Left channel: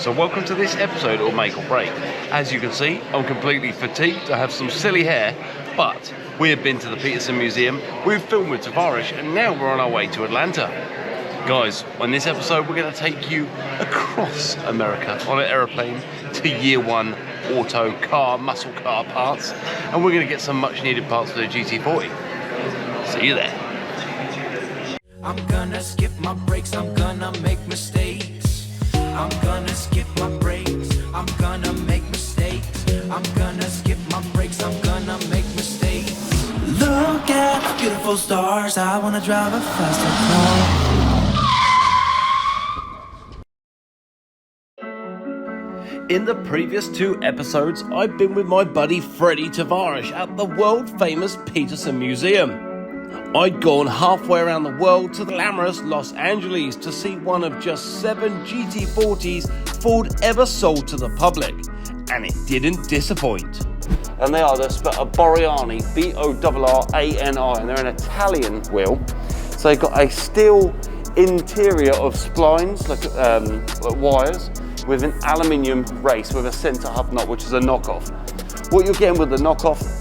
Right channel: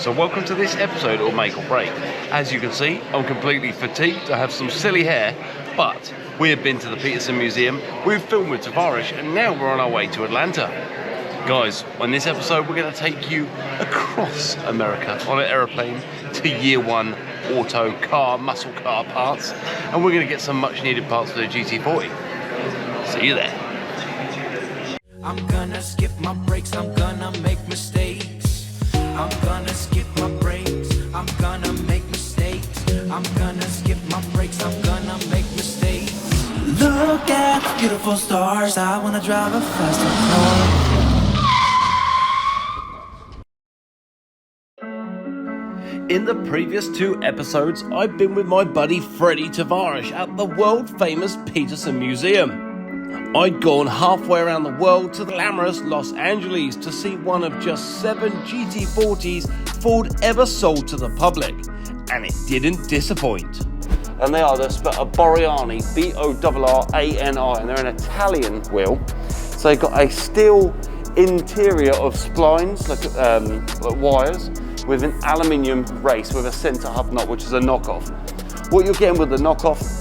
So welcome to this episode of Make or Break. As you can see, I'm completely fatigued. I have some silly hair, but we have been to the Peterson Museum, we've filmed with Tavarish, and now we're on our way to Atlanta. Guys, on this episode, we're going to take you across America on an aeroplane to YearOne auto car, muscle car parts, and we're going to get some much needed parts for the GT40. See you there. I'm gonna skip my breaks, I'm gonna make mistakes. I'm gonna skip my breaks, I'm gonna make mistakes. I'm gonna skip my breaks, I'm gonna make mistakes. Look at beautiful stars, I wanna drive a faster car. In the previous 2 episodes, I've been with my buddy Freddie Tavarish at the world famous Peterson Museum. I'd gone halfway around the world to the glamorous Los Angeles to see one of just 7 GT40s Ford ever sold to the public, and it didn't disappoint. And they are the Borrani, B-O-R-R-A-N-I, and they're an Italian wheel. So they've got a steel interior of splines, like wires, with an aluminium race with a centre hub nut, which is a knockoff. What you're getting with the knockoff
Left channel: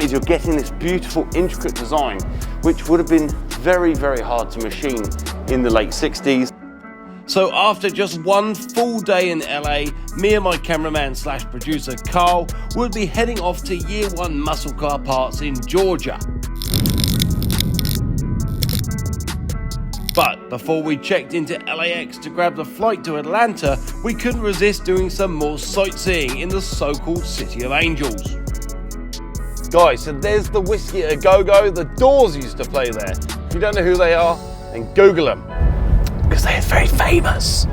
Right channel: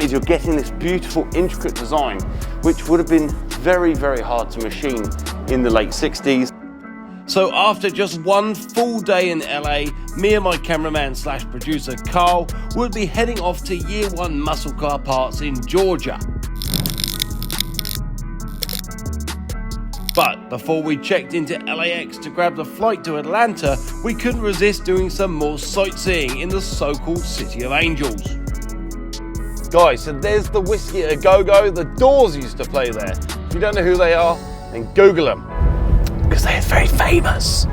is you're getting this beautiful, intricate design, which would have been very, very hard to machine in the late 60s. So after just one full day in LA, me and my cameraman / producer Carl would be heading off to YearOne muscle car parts in Georgia. But before we checked into LAX to grab the flight to Atlanta, we couldn't resist doing some more sightseeing in the so-called City of Angels. Guys, so there's the Whiskey A Go-Go. The Doors used to play there. If you don't know who they are, then Google them, because they are very famous.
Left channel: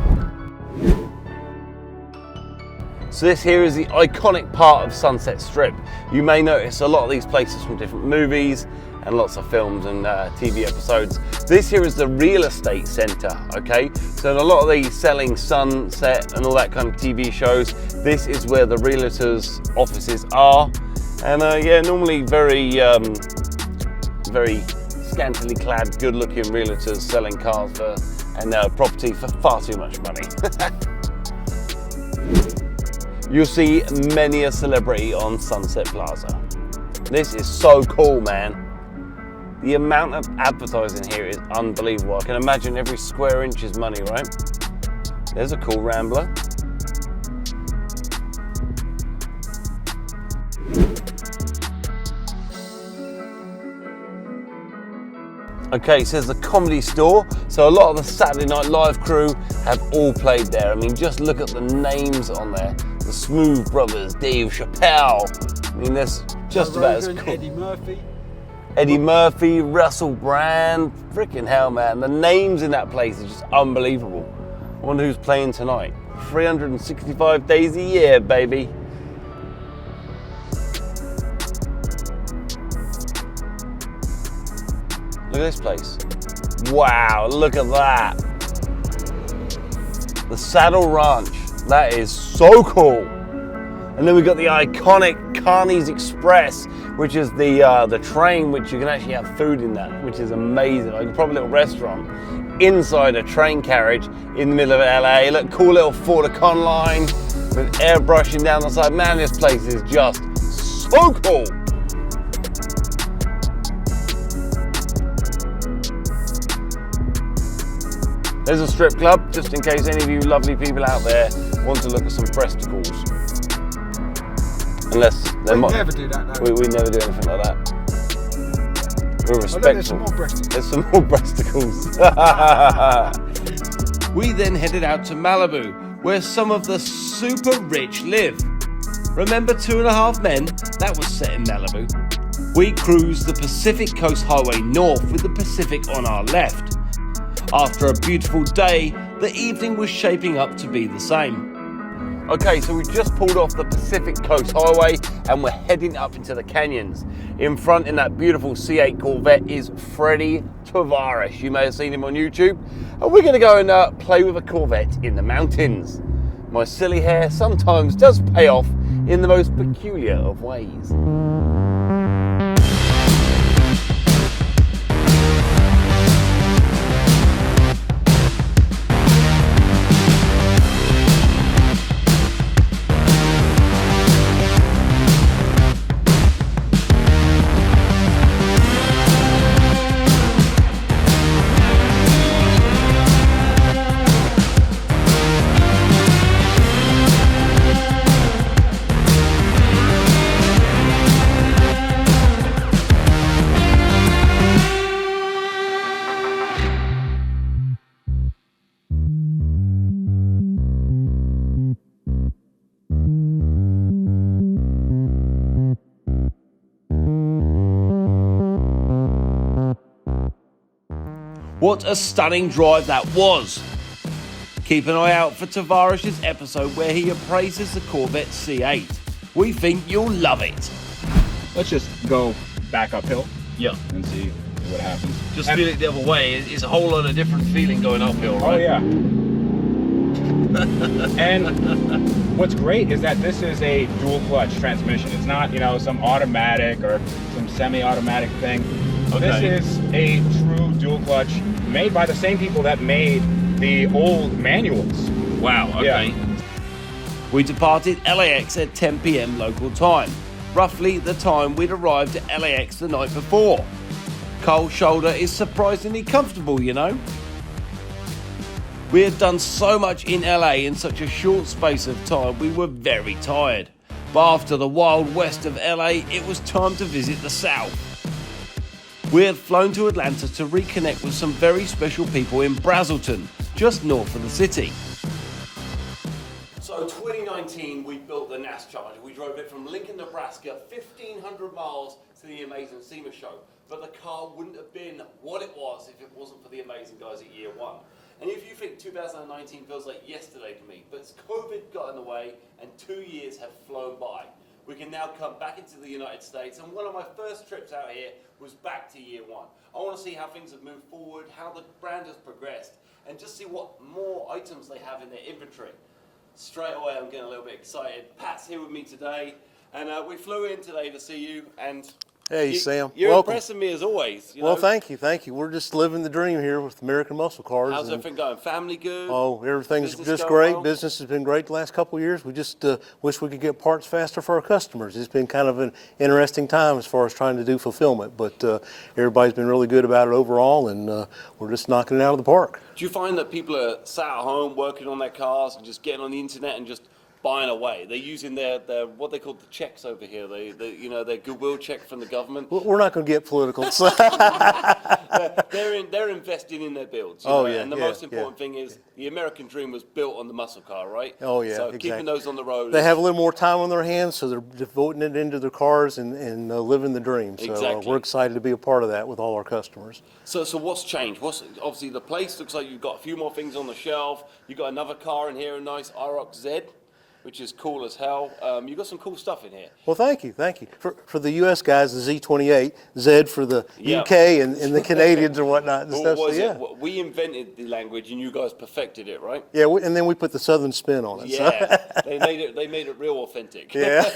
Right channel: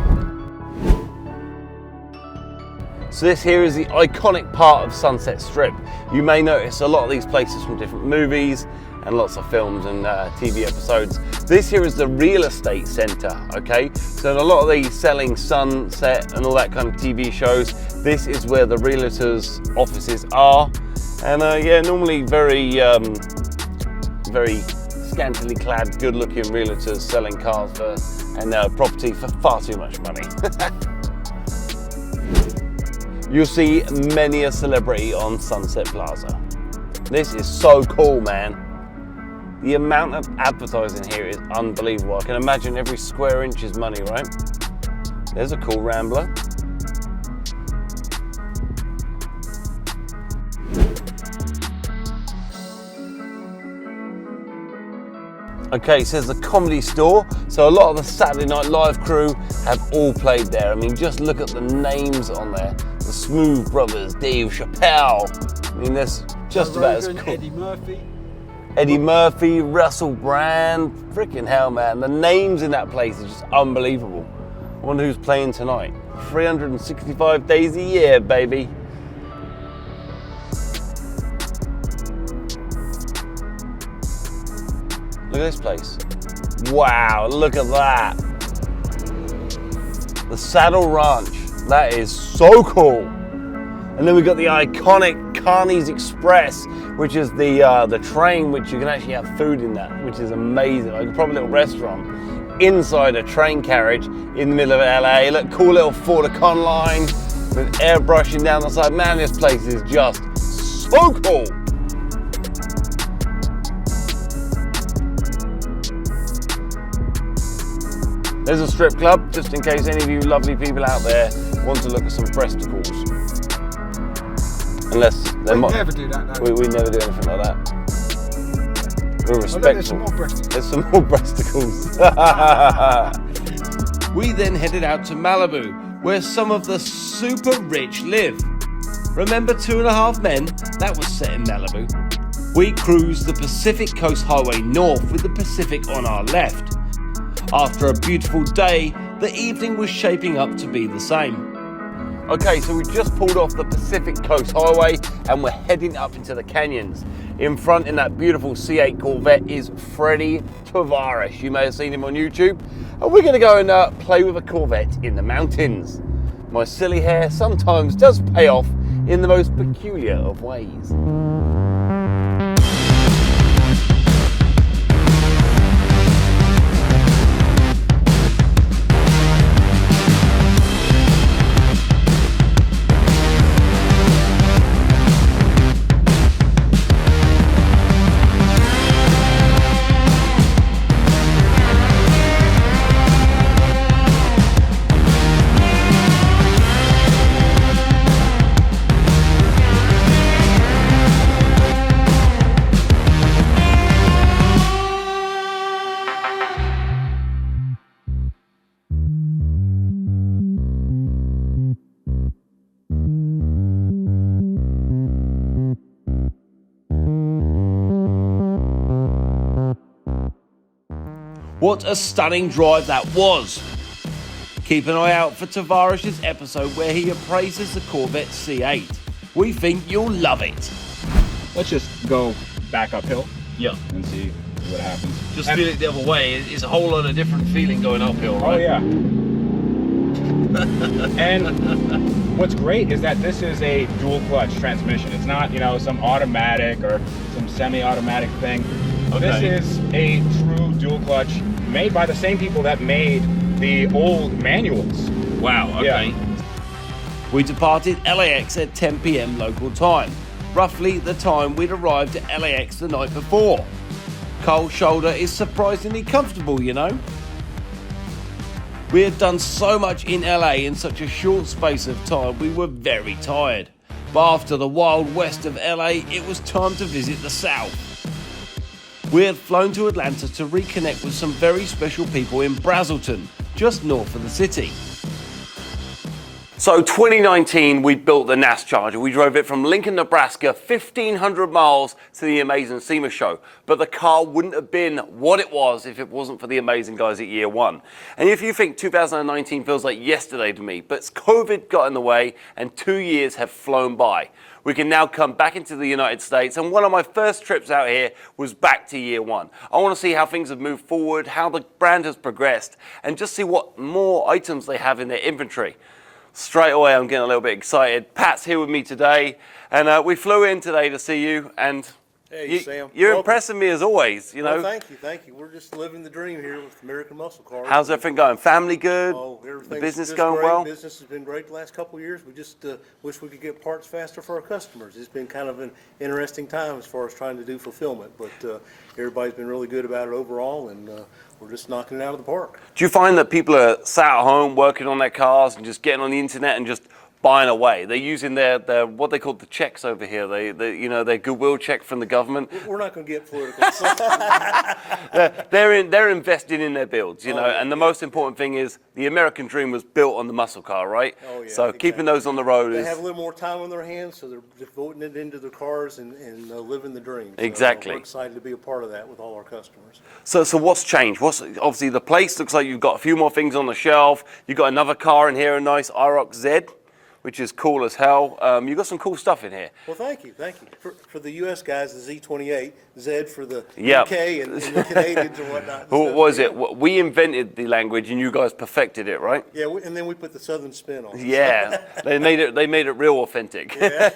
So this here is the iconic part of Sunset Strip. You may notice a lot of these places from different movies and lots of films and TV episodes. This here is the real estate center, okay? So in a lot of the selling Sunset and all that kind of TV shows, this is where the realtors' offices are. And yeah, normally very scantily clad, good-looking realtors selling cars and property for far too much money. You'll see many a celebrity on Sunset Plaza. This is so cool, man. The amount of advertising here is unbelievable. I can imagine every square inch is money, right? There's a cool Rambler. Okay, so there's a Comedy Store. So a lot of the Saturday Night Live crew have all played there. I mean, just look at the names on there. The Smooth Brothers, Dave Chappelle. I mean, that's just about as cool. Eddie Murphy, Russell Brand. Freaking hell, man. The names in that place are just unbelievable. I wonder who's playing tonight. 365 days a year, baby. Look at this place. Wow, look at that. The Saddle Ranch. That is so cool. And then we've got the iconic Carney's Express, which is the train which you can actually have food in that, which is amazing. Like probably a little restaurant inside a train carriage in the middle of LA. Look, cool little Ford Econoline with airbrushing down the side. Man, this place is just so cool. There's a strip club, just in case any of you lovely people out there want to look at some breasticles. Unless they might. We never do that, no. We never do anything like that. We're respectful. There's some more breasticles. There's some more breasticles. We then headed out to Malibu, where some of the super rich live. Remember 2.5 Men? That was set in Malibu. We cruised the Pacific Coast Highway north with the Pacific on our left. After a beautiful day, the evening was shaping up to be the same. Okay, so we just pulled off the Pacific Coast Highway and we're heading up into the canyons. In front, in that beautiful C8 Corvette, is Freddie Tavarish. You may have seen him on YouTube. And we're gonna go and play with a Corvette in the mountains. My silly hair sometimes does pay off in the most peculiar of ways. What a stunning drive that was. Keep an eye out for Tavarish's episode where he appraises the Corvette C8. We think you'll love it. Let's just go back uphill. Yeah. And see what happens. Just feel it the other way. It's a whole lot of different feeling going uphill, right? Oh yeah. And what's great is that this is a dual clutch transmission. It's not, you know, some automatic or some semi-automatic thing. Okay. This is a true dual clutch made by the same people that made the old manuals. Wow, okay. Yeah. We departed LAX at 10 p.m. local time, roughly the time we'd arrived at LAX the night before. Cole's shoulder is surprisingly comfortable, you know. We had done so much in LA in such a short space of time, we were very tired. But after the wild west of LA, it was time to visit the south. We had flown to Atlanta to reconnect with some very special people in Brazelton, just north of the city. So 2019, we built the NASCharger. We drove it from Lincoln, Nebraska, 1,500 miles to the Amazing SEMA show. But the car wouldn't have been what it was if it wasn't for the amazing guys at YearOne. And if you think 2019 feels like yesterday to me, but COVID got in the way and 2 years have flown by. We can now come back into the United States, and one of my first trips out here was back to YearOne. I want to see how things have moved forward, how the brand has progressed, and just see what more items they have in their inventory. Straight away, I'm getting a little bit excited. Pat's here with me today, and we flew in today to see you. And hey, Sam. You're Welcome. impressing me as always. You know. Well, thank you, thank you. We're just living the dream here with American Muscle Cars. How's everything going? Family good? Oh, everything's Business just going great. well? Business has been great the last couple of years. We just wish we could get parts faster for our customers. It's been kind of an interesting time as far as trying to do fulfillment, but everybody's been really good about it overall, and we're just knocking it out of the park. Do you find that people are sat at home working on their cars and just getting on the internet and just buying away? They're using their what they call the checks over here. They you know, their goodwill check from the government. We're not going to get political. They're investing in their builds, you know. Yeah, and the most important thing is the American dream was built on the muscle car, right? Oh yeah. So exactly. keeping those on the road. They have a little more time on their hands, so they're devoting it into their cars and living the dream. So, Exactly. we're excited to be a part of that with all our customers. So what's changed? Obviously the place looks like you've got a few more things on the shelf. You've got another car in here, a nice IROC Z, which is cool as hell. You've got some cool stuff in here. Well, thank you, thank you. For the U.S. guys, the Z28, Z for the Yep. UK and the Canadians and whatnot. And What stuff. was So, it? We invented the language and you guys perfected it, right? Yeah, and then we put the Southern spin on it. Yeah, they made it real authentic. Yeah.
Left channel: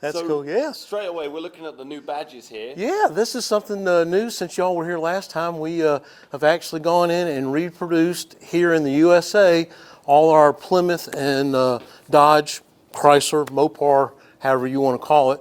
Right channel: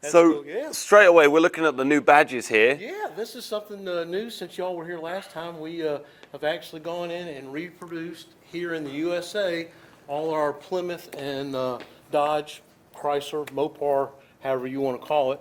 That's So cool, yeah. straight away, we're looking at the new badges here. Yeah, this is something new. Since y'all were here last time, we have actually gone in and reproduced here in the USA all our Plymouth and Dodge, Chrysler, Mopar, however you want to call it,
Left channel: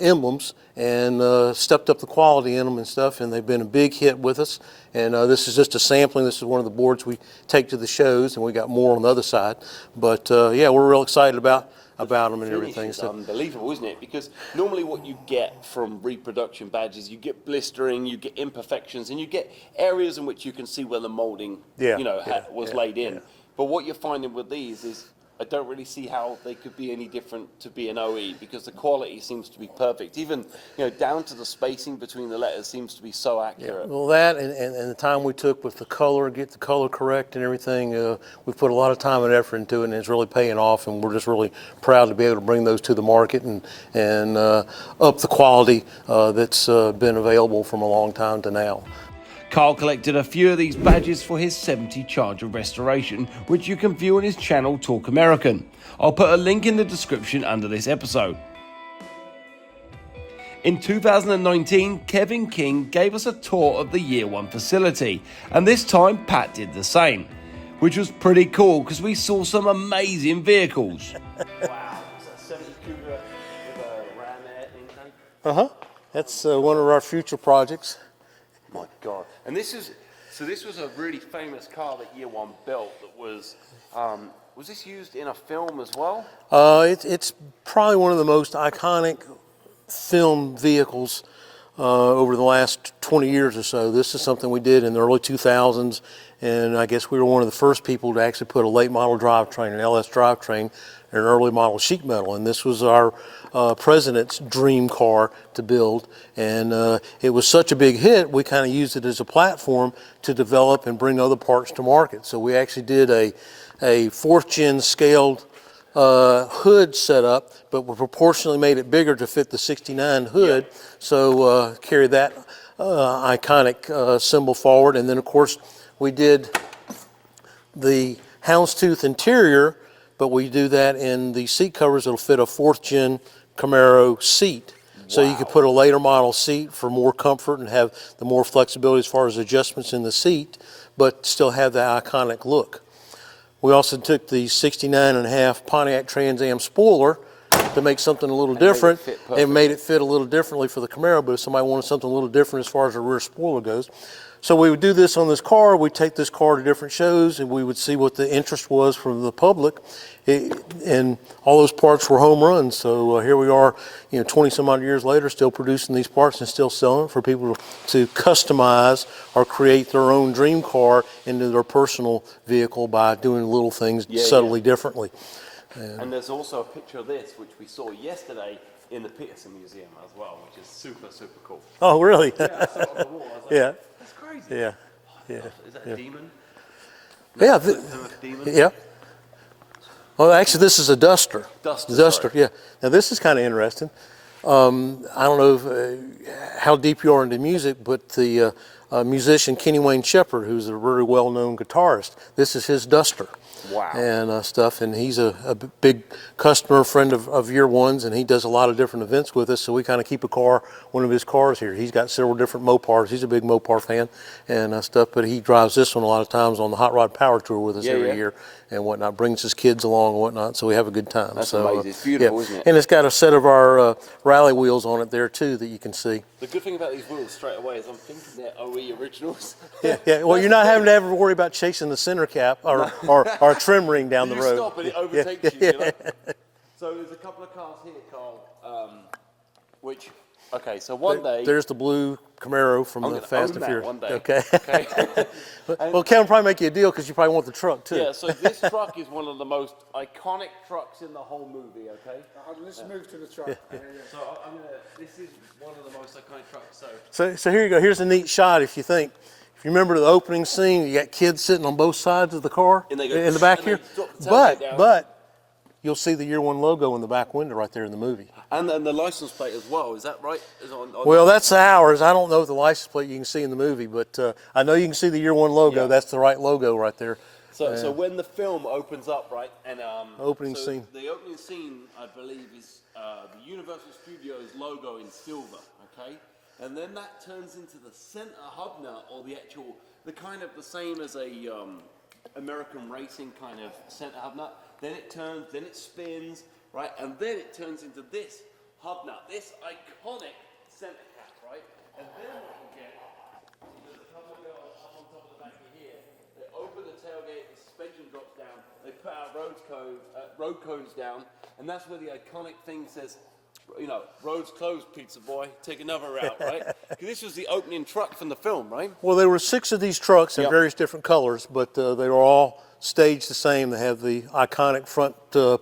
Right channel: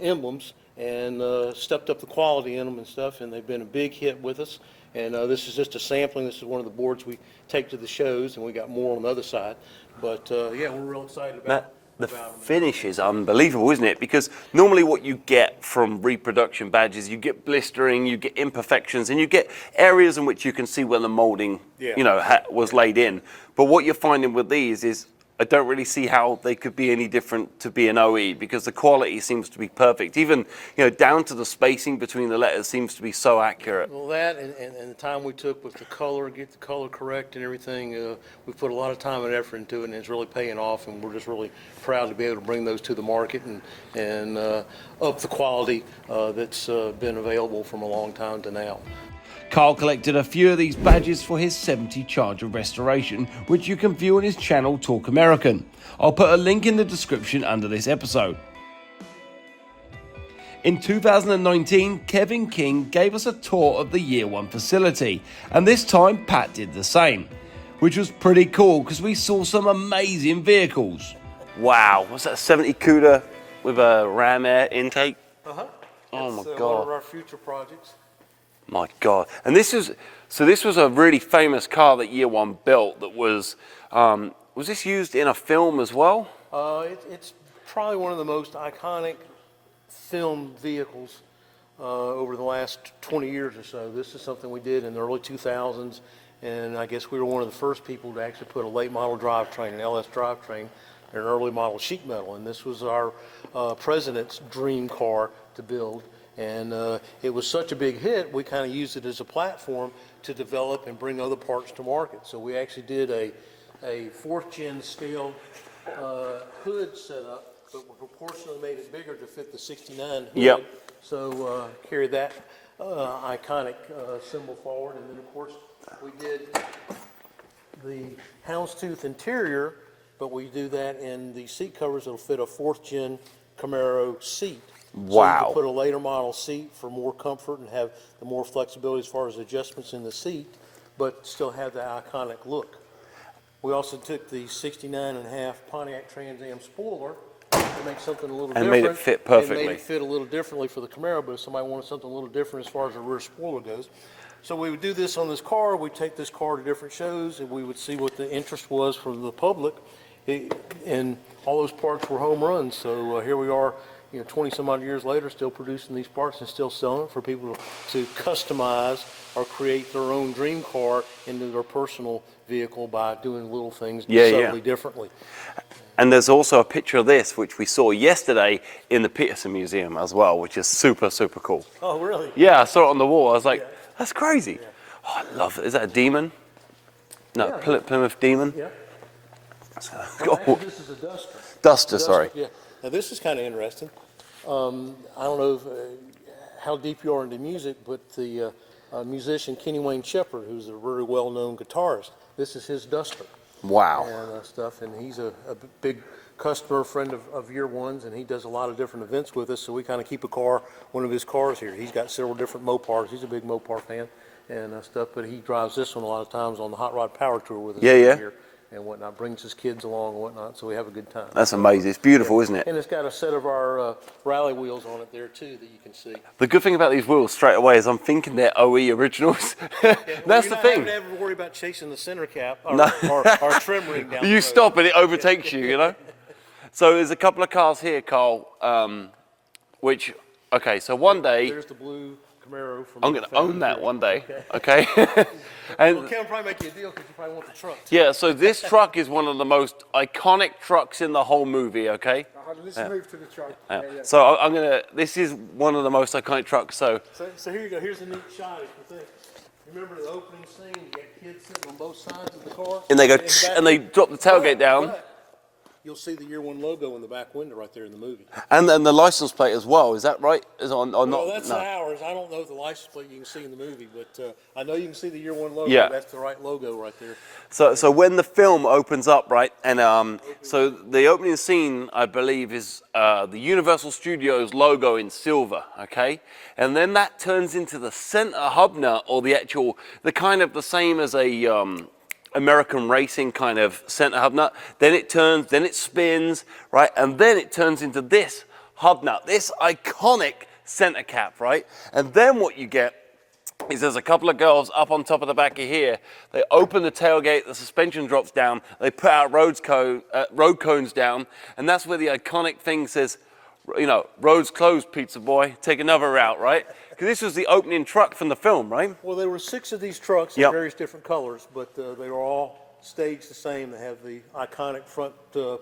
emblems, and stepped up the quality in them and stuff, and they've been a big hit with us. And this is just a sampling. This is one of the boards we take to the shows, and we got more on the other side. But yeah, we're real excited about them and Finish everything. is So, unbelievable, isn't it? Because normally what you get from reproduction badges, you get blistering, you get imperfections, and you get areas in which you can see where the molding, Yeah. you know, was laid in. But what you're finding with these is, I don't really see how they could be any different to be an OE, because the quality seems to be perfect. Even, you know, down to the spacing between the letters seems to be so accurate. well, that and the time we took with the color, get the color correct and everything, we put a lot of time and effort into it, and it's really paying off, and we're just really proud to be able to bring those to the market and up the quality that's been available from a long time to now. Carl collected a few of these badges for his 70 Charger restoration, which you can view on his channel Talk American. I'll put a link in the description under this episode. In 2019, Kevin King gave us a tour of the YearOne facility, and this time Pat did the same, which was pretty cool because we saw some amazing vehicles. Wow, what's that, 70 Cuda with a Ram Air intake? Uh-huh. That's one of our future projects. My God. And this was a really famous car that YearOne built that was this used in a film as well? It's probably one of the most iconic film vehicles over the last 20 years or so. This is something we did in the early 2000s, And I guess we were one of the first people to actually put a late model drivetrain, an LS drivetrain, in an early model sheet metal. And this was our president's dream car to build. And it was such a big hit, we kind of used it as a platform to develop and bring other parts to market. So we actually did a fourth gen scaled hood setup, but we proportionally made it bigger to fit the 69 hood. Yep. So carry that iconic symbol forward. And then of course we did the houndstooth interior, but we do that in the seat covers that'll fit a fourth gen Camaro seat. So you could put a later model seat for more comfort and have the more flexibility as far as adjustments in the seat, but still have that iconic look. We also took the 69.5 Pontiac Trans Am spoiler to make something a little different. Made it fit perfectly. And made it fit a little differently for the Camaro, but if somebody wanted something a little different as far as the rear spoiler goes. So we would do this on this car, we'd take this car to different shows, and we would see what the interest was from the public. And all those parts were home runs. So here we are, 20 some odd years later, still producing these parts and still selling for people to customize or create their own dream car into their personal vehicle by doing little things subtly differently. And there's also a picture of this, which we saw yesterday in the Peterson Museum as well, which is super, super cool. Oh, really? Yeah, I saw it on the wall. I was like, Yeah. that's crazy. Yeah. Oh, I love it. Is that a Demon? No, Yeah. Plymouth Demon? Yeah. Well, actually, this is a Duster. Duster, sorry. Yeah. Now, this is kind of interesting. I don't know how deep you are into music, but the musician Kenny Wayne Shepherd, who's a very well-known guitarist, this is his Duster. Wow. And stuff, and he's a big customer, friend of YearOne's, and he does a lot of different events with us, so we kind of keep one of his cars here. He's got several different Mopars. He's a big Mopar fan and stuff, but he drives this one a lot of times on the Hot Rod Power Tour with us every year and whatnot, brings his kids along and whatnot, so we have a good time. That's amazing. It's beautiful, isn't it? And it's got a set of our rally wheels on it there, too, that you can see. The good thing about these wheels straight away is I'm thinking they're OE originals. Yeah, well, you're not having to ever worry about chasing the center cap or trim ring down the road. You stop and it overtakes you know? So there's a couple of cars here, Carl, which, okay, so one day... There's the blue Camaro from I'm the going Fast to and own that Furious. one day. Okay. Well, Kevin will probably make you a deal because you probably want the truck, too. Yeah, so this truck is one of the most iconic trucks in the whole movie, okay? Let's move to the truck. So I'm going to, this is one of the most iconic trucks, so... So here you go. Here's a neat shot if you remember the opening scene, you got kids sitting on both sides of the car. And they go, in the back and they drop the tailgate down. But you'll see the YearOne logo in the back window right there in the movie. And then the license plate as well, is that right? Is on Well, that's ours. I don't know the license plate you can see in the movie, but I know you can see the YearOne logo. Yeah. That's the right logo right there. So when the film opens up, right, and scene. the opening scene, I believe, is the Universal Studios logo in silver, okay? And then that turns into the center hub nut, or the kind of the same as a American racing kind of center hub nut. Then it spins, right? And then it turns into this hub nut, this iconic center cap, right? And then what you get is there's a couple of girls up on top of the back of here. They open the tailgate, the suspension drops down, they put out road cones down, and that's where the iconic thing says, roads closed, pizza boy, take another route, right? Because this was the opening truck from the film, right? Well, there were 6 of these trucks in various different colors, but they were all staged the same. They have the iconic front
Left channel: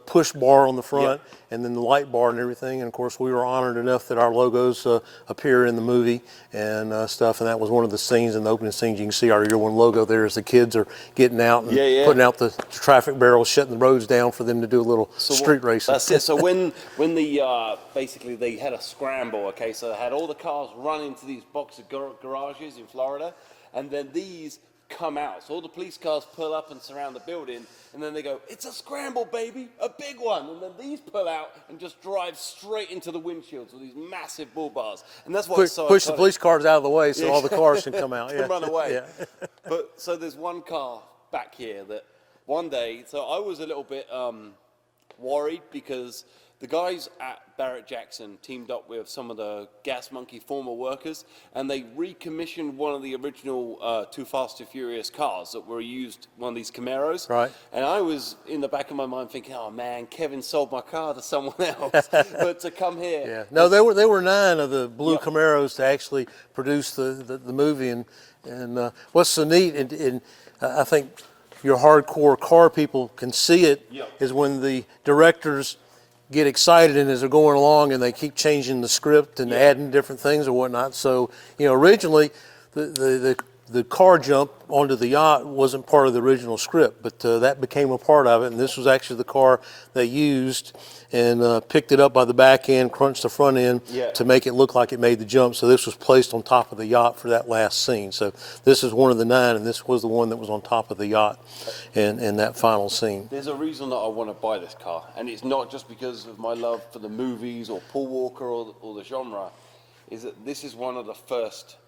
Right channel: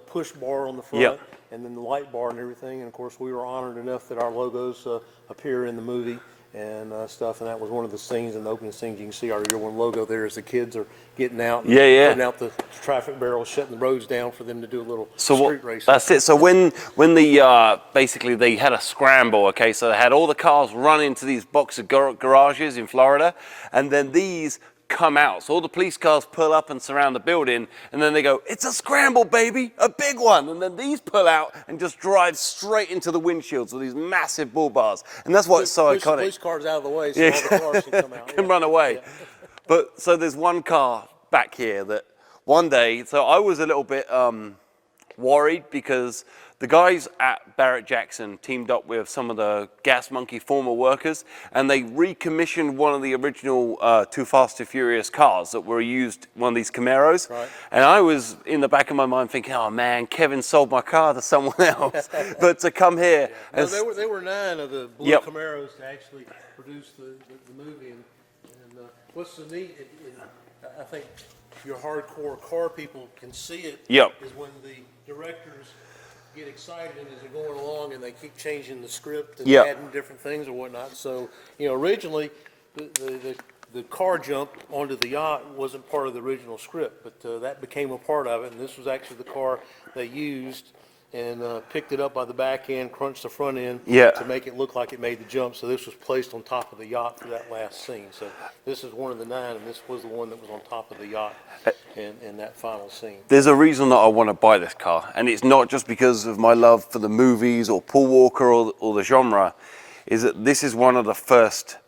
push bar on the front, and then the light bar and everything. And of course, we were honored enough that our logos appear in the movie and stuff. And that was one of the scenes in the opening scenes. You can see our YearOne logo there as the kids are getting out and putting out the traffic barrels, shutting the roads down for them to do a little street racing. That's it. So when the basically they had a scramble, okay, so they had all the cars run into these box of garages in Florida, and then these come out. So all the police cars pull up and surround the building, and then they go, it's a scramble, baby, a big one. And then these pull out and just drive straight into the windshields with these massive bull bars. And that's why it's so push iconic. the police cars out of the way so all the cars can come out. Can run away. But so there's one car back here that one day, so I was a little bit worried because the guys at Barrett Jackson teamed up with some of the Gas Monkey former workers, and they recommissioned one of the original Too Fast, Too Furious cars that were used, one of these Camaros. Right. And I was in the back of my mind thinking, oh man, Kevin sold my car to someone else. But to come here. No, there were 9 of the blue Camaros to actually produce the movie. And what's so neat, and I think your hardcore car people can see it. Yep. Is when the directors get excited and as they're going along and they keep changing the script and Yep. adding different things or whatnot. So, originally the car jump onto the yacht wasn't part of the original script, but that became a part of it, and this was actually the car they used and picked it up by the back end, crunched the front end to make it look like it made the jump. So this was placed on top of the yacht for that last scene. So this is one of the 9, and this was the one that was on top of the yacht in that final scene. There's a reason that I want to buy this car, and it's not just because of my love for the movies or Paul Walker or the genre, is that this is one of the first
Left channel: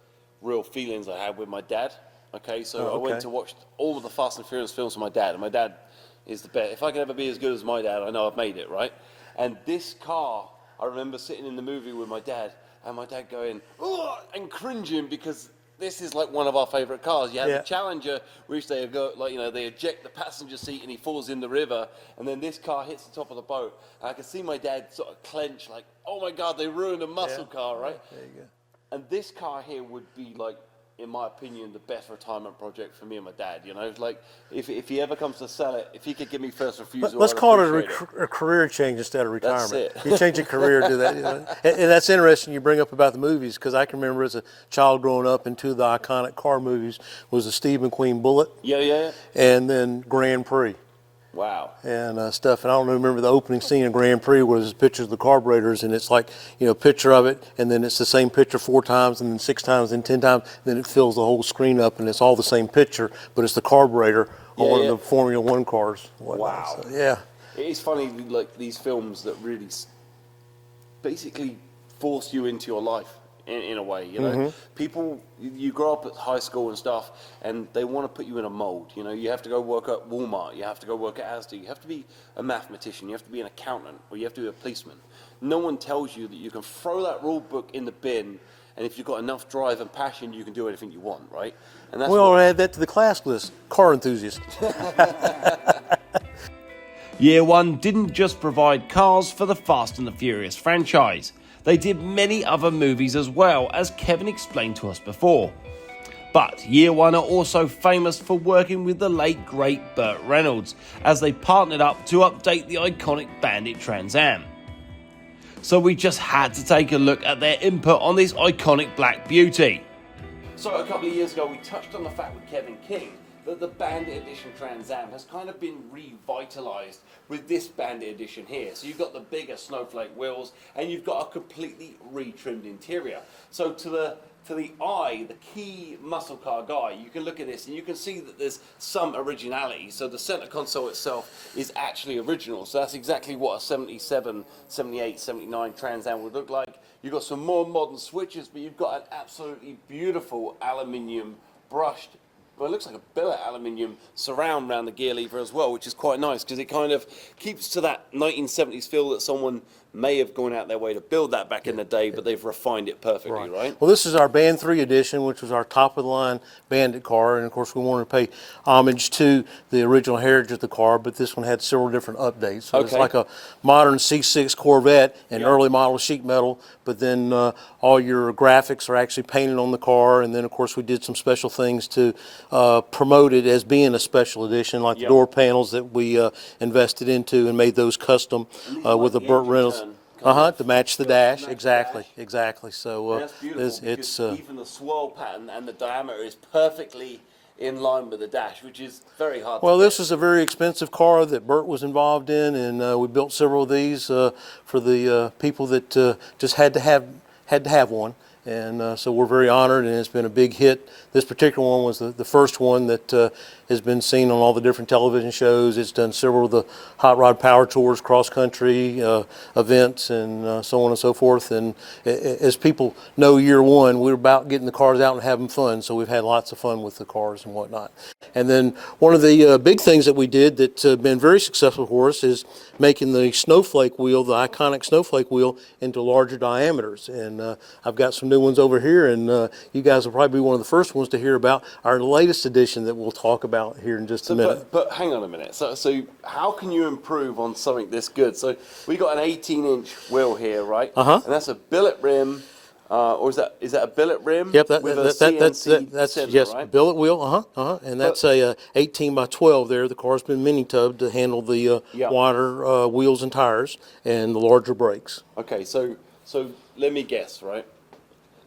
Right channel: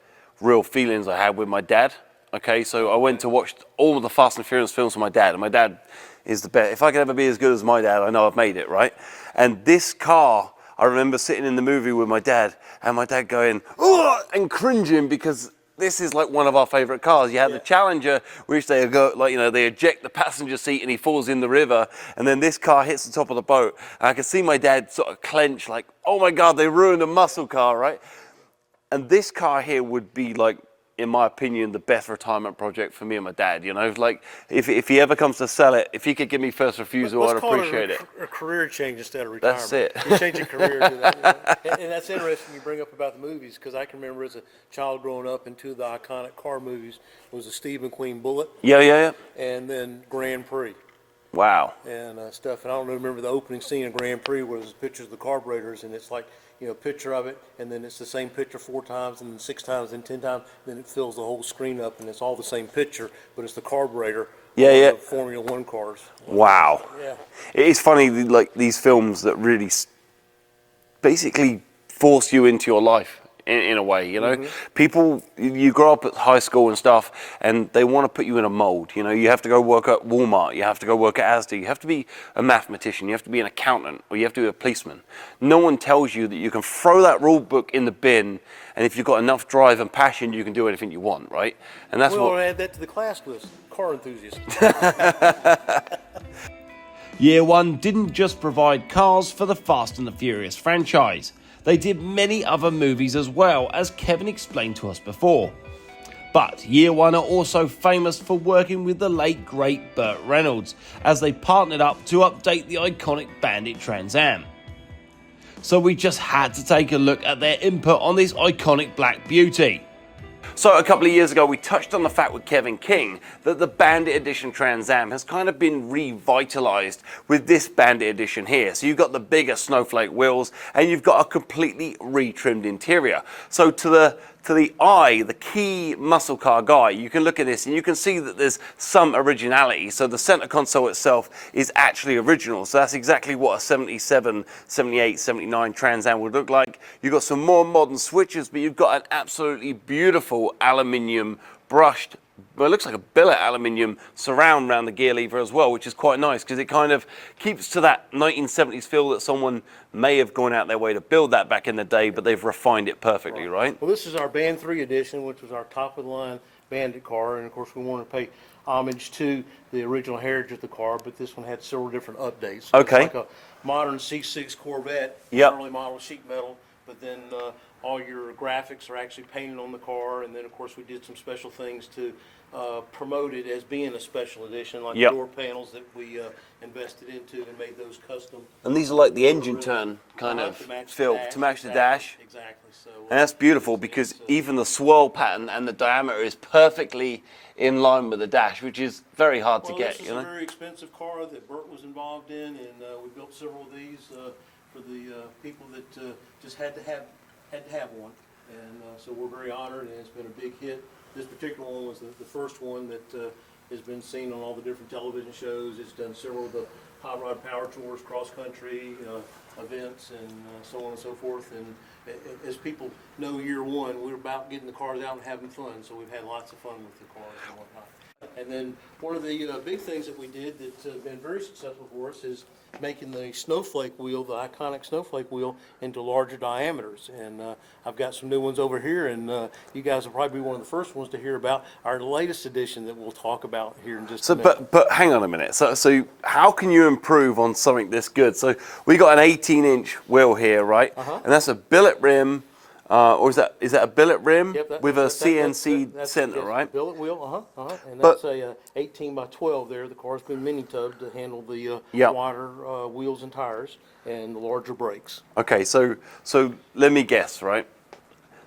real feelings I had with my dad. Okay, so I went to watch all of the Fast and Furious films with my dad, and my dad is the best. If I could ever be as good as my dad, I know I've made it, right? And this car, I remember sitting in the movie with my dad, and my dad going, "Ugh," and cringing because this is like one of our favorite cars. You have the Challenger, which they go, they eject the passenger seat and he falls in the river, and then this car hits the top of the boat. And I could see my dad sort of clench, like, oh my God, they ruined a muscle car, right? And this car here would be like, in my opinion, the best retirement project for me and my dad. Like if he ever comes to sell it, if he could give me first refusal, Let's I'd call appreciate it a career change instead of retirement. That's it. You change your career to that. And that's interesting you bring up about the movies, because I can remember as a child growing up, and two of the iconic car movies was the Steve McQueen Bullet. Yeah. And then Grand Prix. Wow. And stuff. And I don't remember the opening scene of Grand Prix where there's pictures of the carburetors, and it's like, picture of it, and then it's the same picture 4 times, and then 6 times, and 10 times, then it fills the whole screen up, and it's all the same picture, but it's the carburetor on one of the Formula One cars. Wow. So, yeah. It's funny, like these films that really basically force you into your life. In a way, people, you grow up at high school and stuff, and they want to put you in a mold. You have to go work at Walmart, you have to go work at Asda, you have to be a mathematician, you have to be an accountant, or you have to be a policeman. No one tells you that you can throw that rule book in the bin, and if you've got enough drive and passion, you can do anything you want, right? And that's I'll add that to the class list. Car enthusiast. YearOne didn't just provide cars for the Fast and the Furious franchise. They did many other movies as well, as Kevin explained to us before. But YearOne are also famous for working with the late great Burt Reynolds, as they partnered up to update the iconic Bandit Trans Am. So we just had to take a look at their input on this iconic black beauty. So a couple of years ago, we touched on the fact with Kevin King that the Bandit Edition Trans Am has kind of been revitalized with this Bandit Edition here. So you've got the bigger snowflake wheels, and you've got a completely retrimmed interior. So to the eye, the key muscle car guy, you can look at this and you can see that there's some originality. So the center console itself is actually original. So that's exactly what a 77, 78, 79 Trans Am would look like. You've got some more modern switches, but you've got an absolutely beautiful aluminium brushed, well, it looks like a billet aluminium surround around the gear lever as well, which is quite nice because it kind of keeps to that 1970s feel that someone may have gone out their way to build that back in the day, but they've refined it perfectly, right? Well, this is our Band 3 edition, which was our top-of-the-line Bandit car, and of course we wanted to pay homage to the original heritage of the car, but this one had several different updates. So it's like a modern C6 Corvette in early model sheet metal, but then all your graphics are actually painted on the car, and then of course we did some special things to promote it as being a special edition, like the door panels that we invested into and made those custom. And these are like the engine turn. To match the dash. Exactly. Exactly. So and that's beautiful because even the swirl pattern and the diameter is perfectly in line with the dash, which is very hard to get. Well, this is a very expensive car that Burt was involved in, and we built several of these for the people that just had to have one. And so we're very honored, and it's been a big hit. This particular one was the first one that has been seen on all the different television shows. It's done several of the hot rod power tours, cross-country events, and so on and so forth. And as people know, YearOne, we're about getting the cars out and having fun, so we've had lots of fun with the cars and whatnot. And then one of the big things that we did that's been very successful for us is making the snowflake wheel, the iconic snowflake wheel, into larger diameters. And I've got some new ones over here, and you guys will probably be one of the first ones to hear about our latest edition that we'll talk about here in just a minute. But hang on a minute. So how can you improve on something this good? So we got an 18-inch wheel here, right? And that's a billet rim, Or is that a billet rim Yep, with a CNC that's center, yes, right? billet wheel, and that's a 18 by 12 there. The car's been mini tubbed to handle the wider wheels and tires and the larger brakes. Okay, so let me guess, right?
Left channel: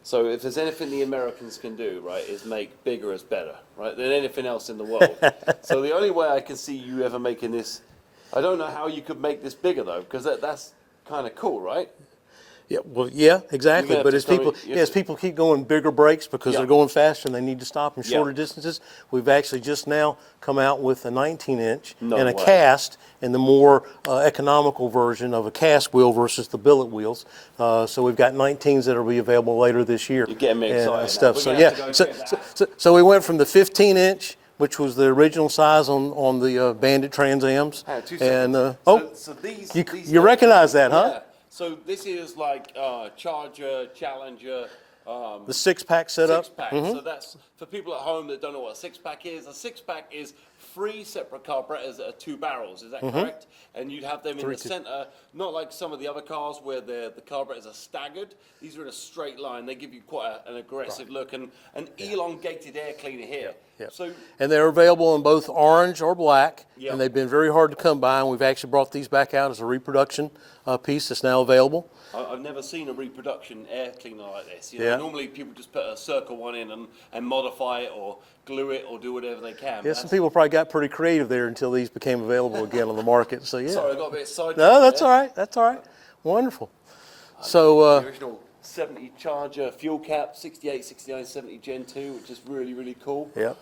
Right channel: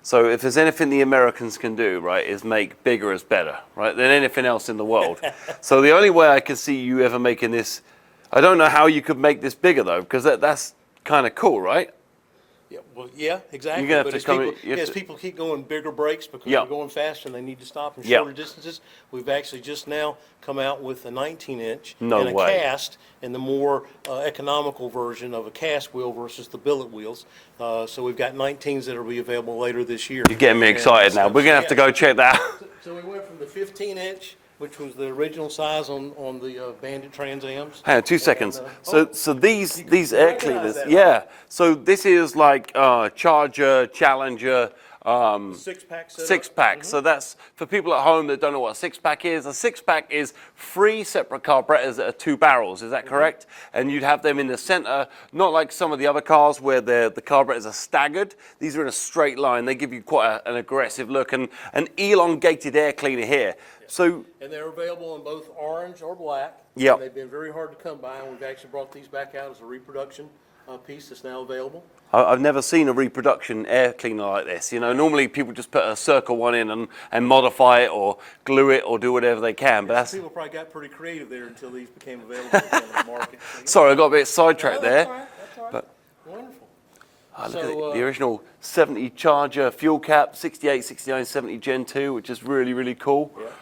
So if there's anything the Americans can do, right, is make bigger is better, right, than anything else in the world. So the only way I can see you ever making this, I don't know how you could make this bigger though, because that's kind of cool, right? Yeah, well, yeah, exactly. But as people keep going bigger brakes because they're going faster and they need to stop in shorter distances, we've actually just now come out with a 19-inch and a cast, and the more economical version of a cast wheel versus the billet wheels. So we've got 19s that will be available later this year. You're getting me excited now. We're going to have to go check that out. So we went from the 15-inch, which was the original size on the Bandit Trans Ams. Hang on, 2 seconds. So these you recognize that, huh? Yeah. So this is like Charger, Challenger. The six-pack setup. Six-pack. So that's, for people at home that don't know what a six-pack is, a six-pack is 3 separate carburetors that are 2 barrels. Is that correct? And you'd have them in the center, not like some of the other cars where the carburetors are staggered. These are in a straight line. They give you quite an aggressive look, and an elongated air cleaner here. So, and they're available in both orange or black. Yep. And they've been very hard to come by, and we've actually brought these back out as a reproduction piece that's now available. I've never seen a reproduction air cleaner like this. You know, normally people just put a circle one in and modify it or glue it or do whatever they can. Yeah, some people probably got pretty creative there until these became available again on the market. So, yeah. Sorry, I got a bit sidetracked there. That's all right. That's all right. But, wonderful. So the original 70 Charger fuel cap, 68, 69, 70 Gen 2, which is really, really cool. Yeah.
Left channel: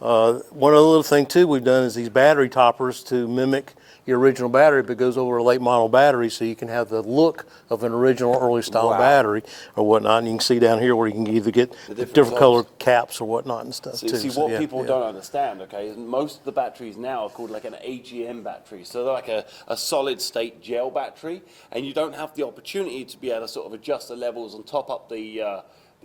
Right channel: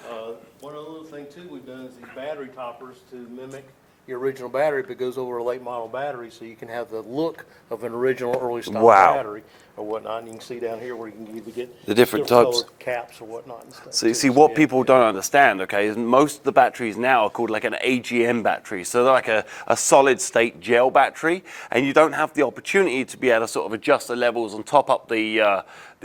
One other little thing too we've done is these battery toppers to mimic your original battery, but goes over a late model battery, so you can have the look of an original early style battery or whatnot. And you can see down here where you can either get the different colored caps or whatnot and stuff. So what people don't understand, okay, is most of the batteries now are called like an AGM battery. So they're like a solid state gel battery, and you don't have the opportunity to be able to sort of adjust the levels and top up the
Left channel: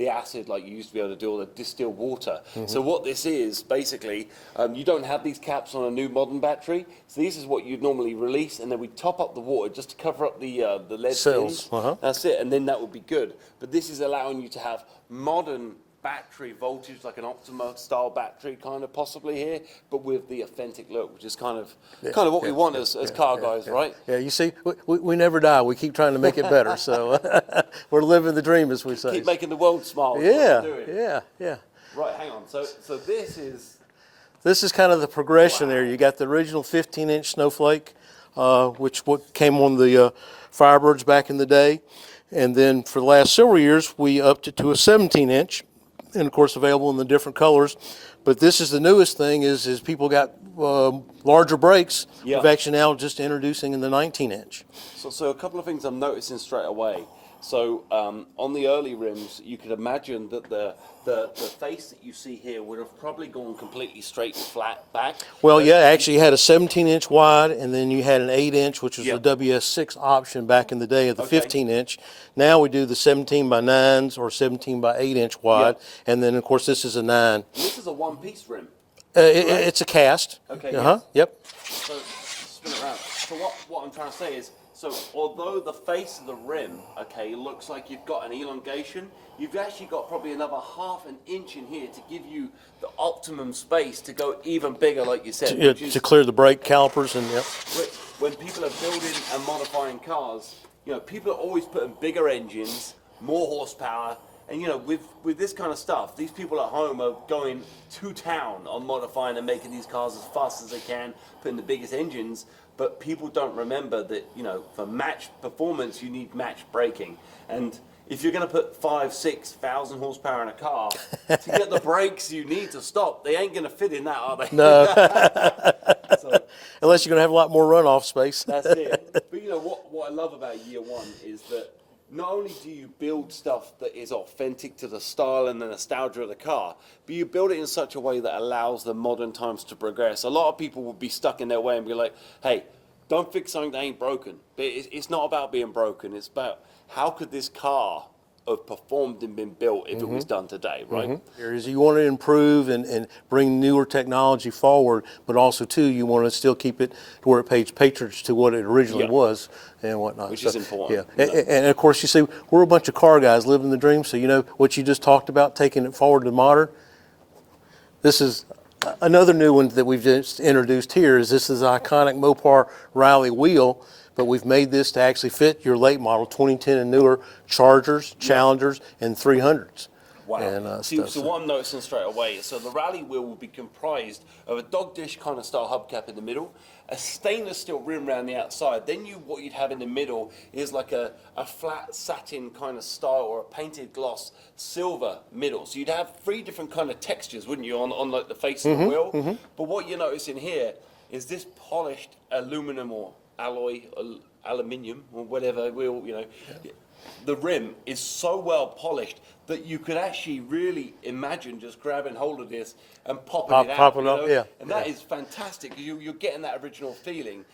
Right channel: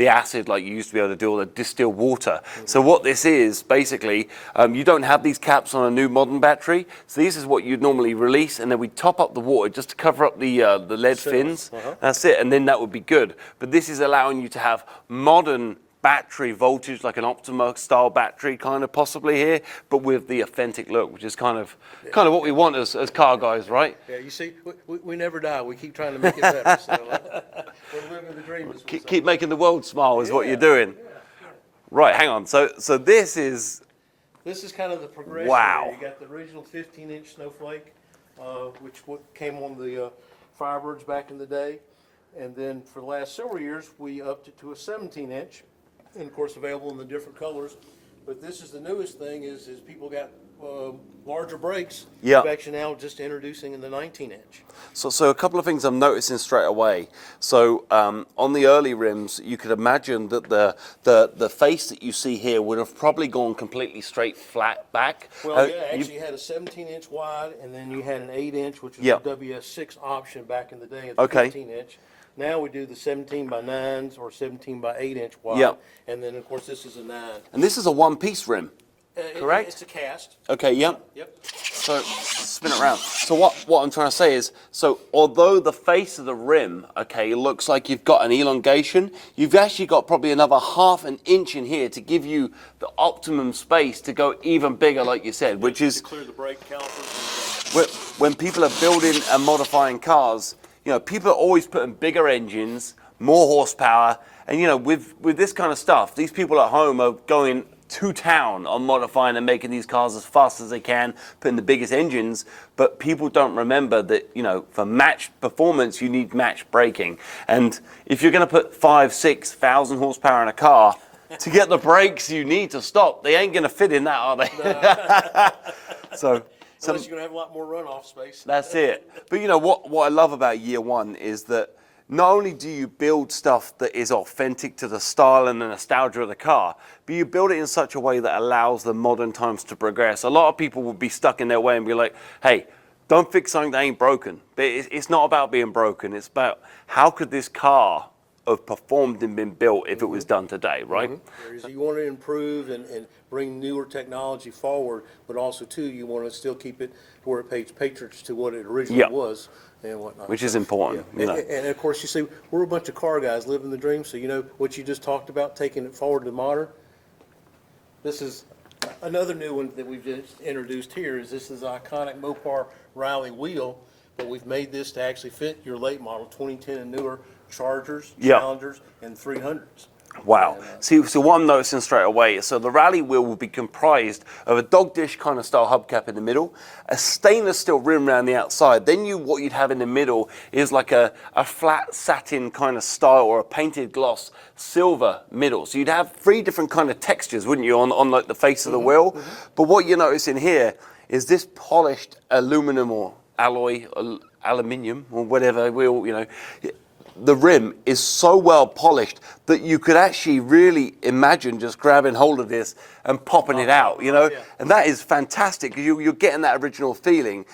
acid like you used to be able to do, or the distilled water. So what this is, basically, you don't have these caps on a new modern battery. So this is what you'd normally release, and then we top up the water just to cover up the lead fins. That's it, and then that would be good. But this is allowing you to have modern battery voltage, like an Optima style battery kind of possibly here, but with the authentic look, which is kind of what we want as car guys, right? Yeah, you see, we never die. We keep trying to make it better. So we're living the dream, as we say. Keep making the world smile is what you're doing. Yeah. Right, hang on. So this is kind of the progression there. You got the original 15-inch Snowflake, which came on the Firebirds back in the day. And then for the last several years, we upped it to a 17-inch. And of course available in the different colors. But this is the newest thing is people got larger brakes. Yeah. We've actually now just introducing in the 19-inch. So a couple of things I'm noticing straight away. So on the early rims, you could imagine that the face that you see here would have probably gone completely straight flat back. Well, actually you had a 17-inch wide, and then you had an 8-inch, which was a WS6 option back in the day of the 15-inch. Now we do the 17 by 9s or 17 by 8-inch wide, and then of course this is a 9. And this is a one-piece rim. It's a cast. Okay, Yep. So spin it around. So what I'm trying to say is, so although the face of the rim, okay, looks like you've got an elongation, you've actually got probably another ½ an inch in here to give you the optimum space to go even bigger, like you said, which is to clear the brake calipers and when people are building and modifying cars, you know, people are always putting bigger engines, more horsepower, and you know, with this kind of stuff, these people at home are going to town on modifying and making these cars as fast as they can, putting the biggest engines, but people don't remember that, you know, for matched performance, you need matched braking. And if you're going to put 5,000-6,000 horsepower in a car, to get the brakes you need to stop, they ain't going to fit in that, are they? No. so unless you're going to have a lot more runoff space. That's it. But you know, what I love about YearOne is that not only do you build stuff that is authentic to the style and the nostalgia of the car, but you build it in such a way that allows the modern times to progress. A lot of people will be stuck in their way and be like, hey, don't fix something that ain't broken. But it's not about being broken. It's about how could this car have performed and been built if it was done today, right? Is you want to improve and bring newer technology forward, but also too you want to still keep it to where it pays patronage to what it originally was and whatnot. Which is important. Yeah. And of course you see we're a bunch of car guys living the dream. So you know what you just talked about, taking it forward to modern. This is another new one that we've just introduced here. This is the iconic Mopar Rally wheel. But we've made this to actually fit your late model 2010 and newer Chargers, Challengers, and 300s. Wow. And, So what I'm noticing straight away is, so the rally wheel will be comprised of a dog dish kind of style hubcap in the middle, a stainless steel rim around the outside. Then what you'd have in the middle is like a flat satin kind of style or a painted gloss silver middle. So you'd have 3 different kind of textures, wouldn't you, on like the face of the wheel? But what you notice in here is this polished aluminum or alloy, aluminium, or whatever wheel, you know, the rim is so well polished that you could actually really imagine just grabbing hold of this and popping it out, you know, and that is fantastic because you're getting that original feeling.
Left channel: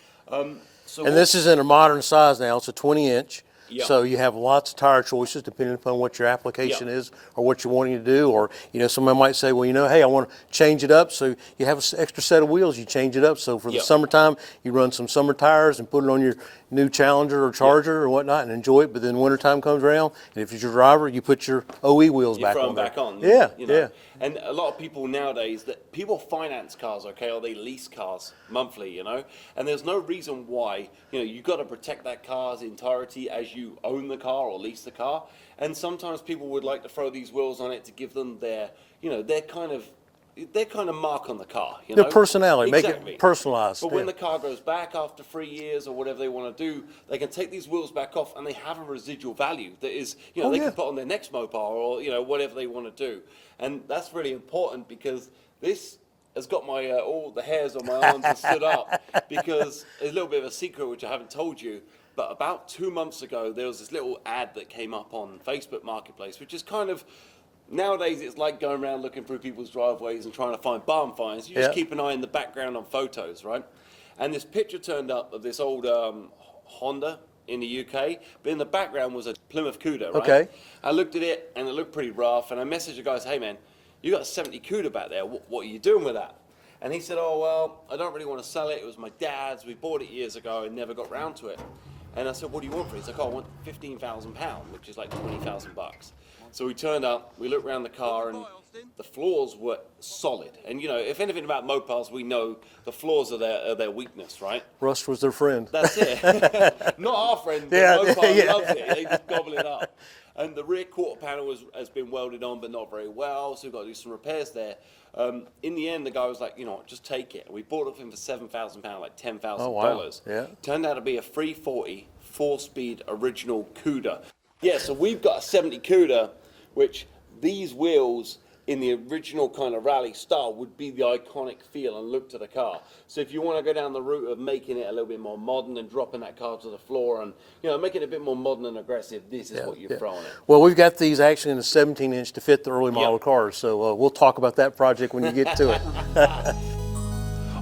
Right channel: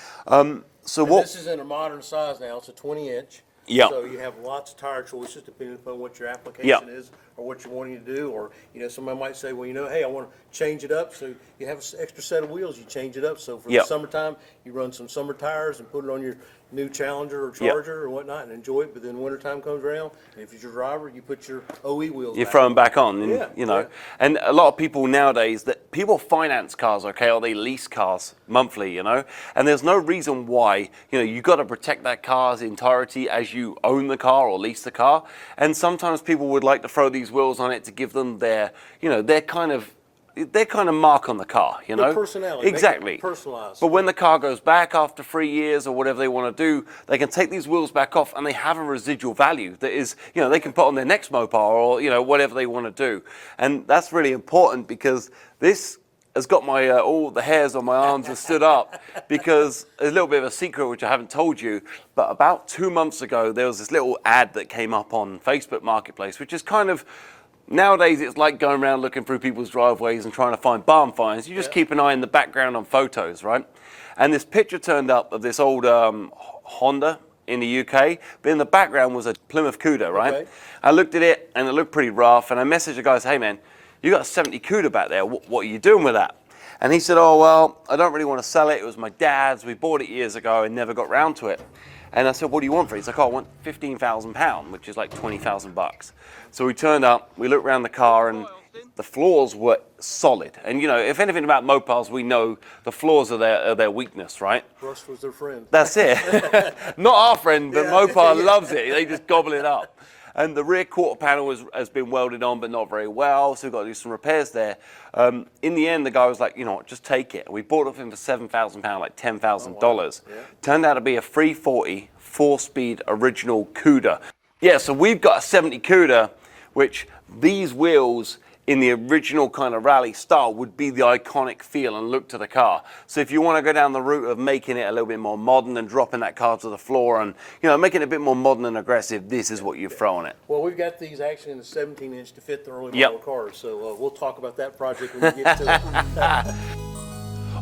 This is in a modern size now. It's a 20-inch. Yeah. So you have lots of tire choices depending upon what your application is or what you're wanting to do. Or, you know, somebody might say, well, you know, hey, I want to change it up. So you have an extra set of wheels, you change it up. So for the summertime, you run some summer tires and put it on your new Challenger or Charger or whatnot and enjoy it. But then wintertime comes around, and if it's your driver, you put your OE wheels you back throw on. them back on. Yeah. You know. And a lot of people nowadays, that people finance cars, okay, or they lease cars monthly, you know. And there's no reason why, you know, you got to protect that car's entirety as you own the car or lease the car. And sometimes people would like to throw these wheels on it to give them their, you know, their kind of mark on the car, you know? Their personality, exactly. make it personalized. But when the car goes back after 3 years or whatever they want to do, they can take these wheels back off and they have a residual value that is, you know, they can put on their next Mopar or, you know, whatever they want to do. And that's really important because this has got my, all the hairs on my arms have stood up because a little bit of a secret which I haven't told you, but about 2 months ago, there was this little ad that came up on Facebook Marketplace, which is kind of, nowadays, it's like going around looking through people's driveways and trying to find barn finds. You just keep an eye in the background on photos, right? And this picture turned up of this old Honda in the UK, but in the background was a Plymouth Cuda, right? Okay. I looked at it, and it looked pretty rough, and I messaged the guy, hey, man, you got a 70 Cuda back there. What are you doing with that? And he said, oh, well, I don't really want to sell it. It was my dad's. We bought it years ago and never got round to it. And I said, what do you want for it? He's like, oh, I want £15,000, which is like 20,000 bucks. So we turned up, we looked around the car, and the floors were solid. And, you know, if anything about Mopars, we know the floors are their weakness, right? Rust was their friend. That's it. Not our friend, but Mopar loves it. They just gobble it up. And the rear quarter panel has been welded on, but not very well, so we've got to do some repairs there. In the end, the guy was like, you know what, just take it. We bought it for him for £7,000, like $10,000. Yeah. Turned out to be a 340 4-speed original Cuda. Yeah, so we've got a 70 Cuda, which these wheels in the original kind of rally style would be the iconic feel and look to the car. So if you want to go down the route of making it a little bit more modern and dropping that car to the floor and, you know, making it a bit more modern and aggressive, this is what you throw on it. Well, we've got these actually in a 17-inch to fit the early model cars, so we'll talk about that project when you get to it.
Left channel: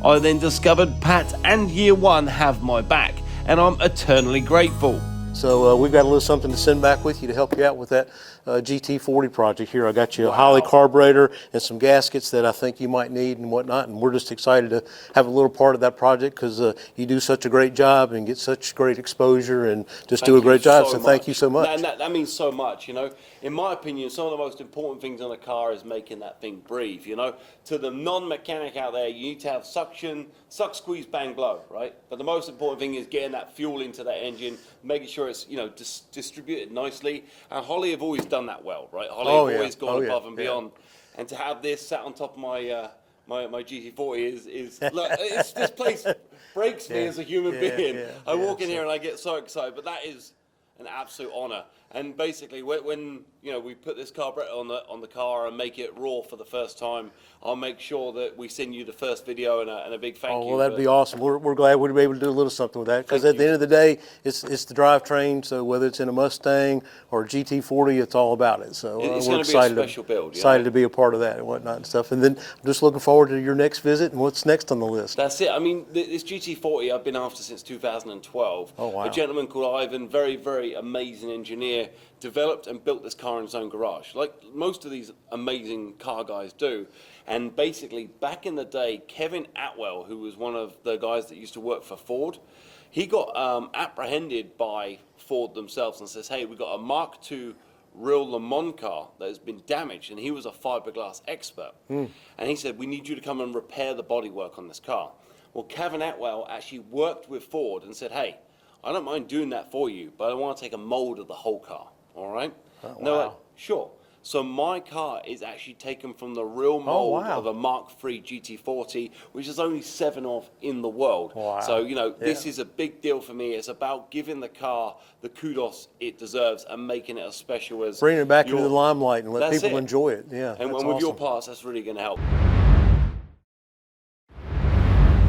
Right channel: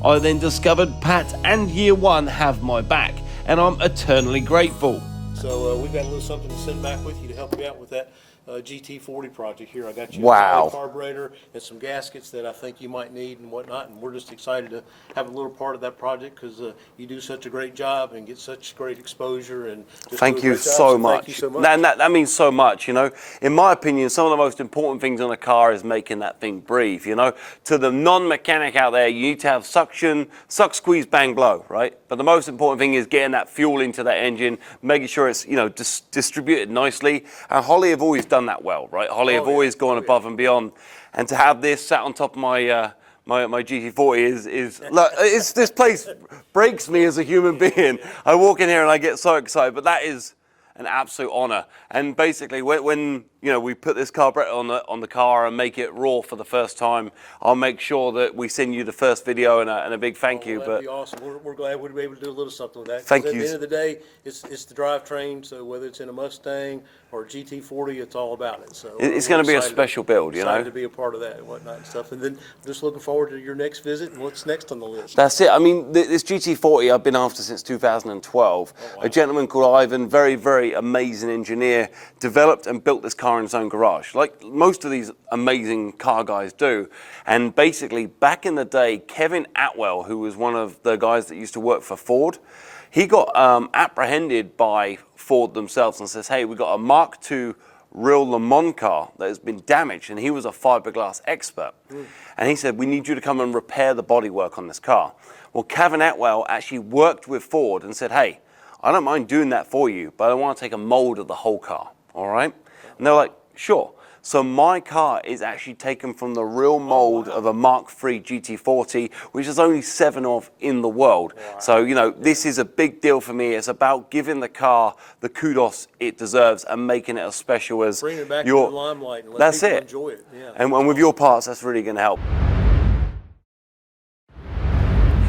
I then discovered Pat and YearOne have my back, and I'm eternally grateful. So we've got a little something to send back with you to help you out with that GT40 project here. I got you a Holly carburetor and some gaskets that I think you might need and whatnot, and we're just excited to have a little part of that project because you do such a great job and get such great exposure and just do a great job. So thank you so much. That means so much, you know. In my opinion, some of the most important things on a car is making that thing breathe, you know. To the non-mechanic out there, you need to have suction, suck, squeeze, bang, blow, right? But the most important thing is getting that fuel into that engine, making sure it's, you know, distributed nicely. And Holly have always done that well, right? Holly have always gone above and beyond. And to have this sat on top of my my GT40 is look, this place breaks me as a human being. I walk in here and I get so excited, but that is an absolute honor. And basically, when you know, we put this carburetor on the car and make it raw for the first time, I'll make sure that we send you the first video and a big thank you. Well, that'd be awesome. We're glad we'd be able to do a little something with that. Thank Because at you. the end of the day, it's the drivetrain. So whether it's in a Mustang or a GT40, it's all about it. So It's we're going to be a excited special build. You Excited know? to be a part of that and whatnot and stuff. And then I'm just looking forward to your next visit and what's next on the list. That's it. I mean, this GT40 I've been after since 2012. Oh, wow. A gentleman called Ivan, very, very amazing engineer, developed and built this car in his own garage, like most of these amazing car guys do. And basically, back in the day, Kevin Atwell, who was one of the guys that used to work for Ford, he got apprehended by Ford themselves and says, hey, we got a Mark II real Le Mans car that has been damaged, and he was a fiberglass expert. And he said, we need you to come and repair the bodywork on this car. Well, Kevin Atwell actually worked with Ford and said, hey, I don't mind doing that for you, but I want to take a mold of the whole car, all right? And they're like, sure. So my car is actually taken from the real mold of a Mark III GT40, which is only 7 of in the world. Wow. So, you know, this is a big deal for me. It's about giving the car the kudos it deserves and making it as special as Bringing it back into the limelight and let people enjoy it. Yeah, and that's with your awesome. parts, that's really going to help.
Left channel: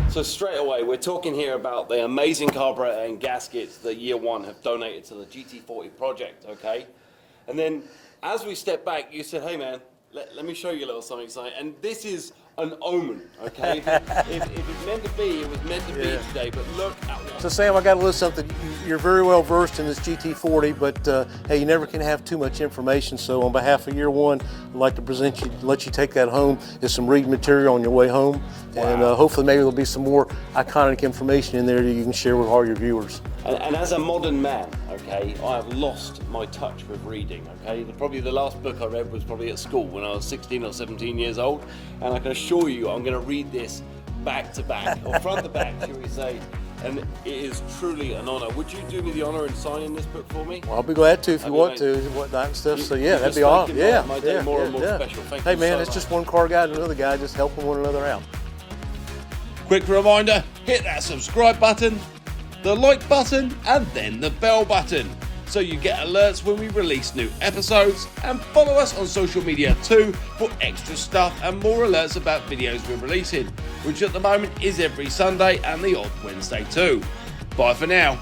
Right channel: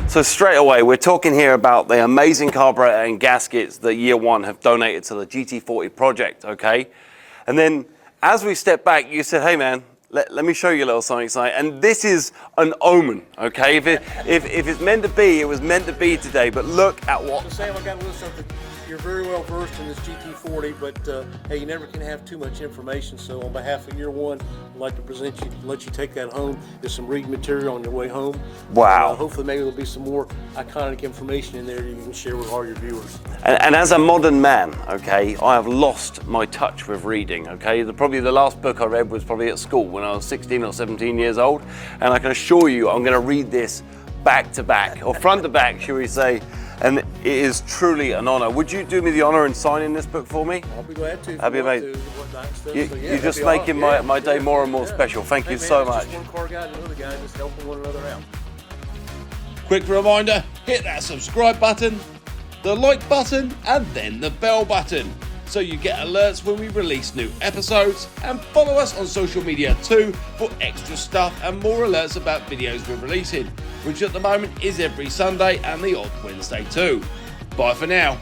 So straight away, we're talking here about the amazing carburetor and gaskets that YearOne have donated to the GT40 project, okay? And then as we step back, you said, hey man, let me show you a little something. And this is an omen, okay? If it's meant to be, it was meant to be today, but look at what... So Sam, I got a little something. You're very well versed in this GT40, but hey, you never can have too much information. So on behalf of YearOne, I'd like to present you, let you take that home. There's some reading material on your way home. Wow. And hopefully maybe there'll be some more iconic information in there that you can share with all your viewers. And as a modern man, okay, I have lost my touch with reading, okay? Probably the last book I read was probably at school when I was 16 or 17 years old. And I can assure you, I'm gonna read this back to back, or front to back, shall we say. And it is truly an honor. Would you do me the honor in signing this book for me? Well, I'll be glad to if That'd you be want amazing. to, whatnot and stuff. You, So yeah, you're that'd just be making awesome. my day more and more special. Thank you man, so it's much. just one car guy and another guy just helping one another out. Quick reminder, hit that subscribe button, the like button, and then the bell button, so you get alerts when we release new episodes, and follow us on social media too for extra stuff and more alerts about videos we're releasing, which at the moment is every Sunday and the odd Wednesday too. Bye for now.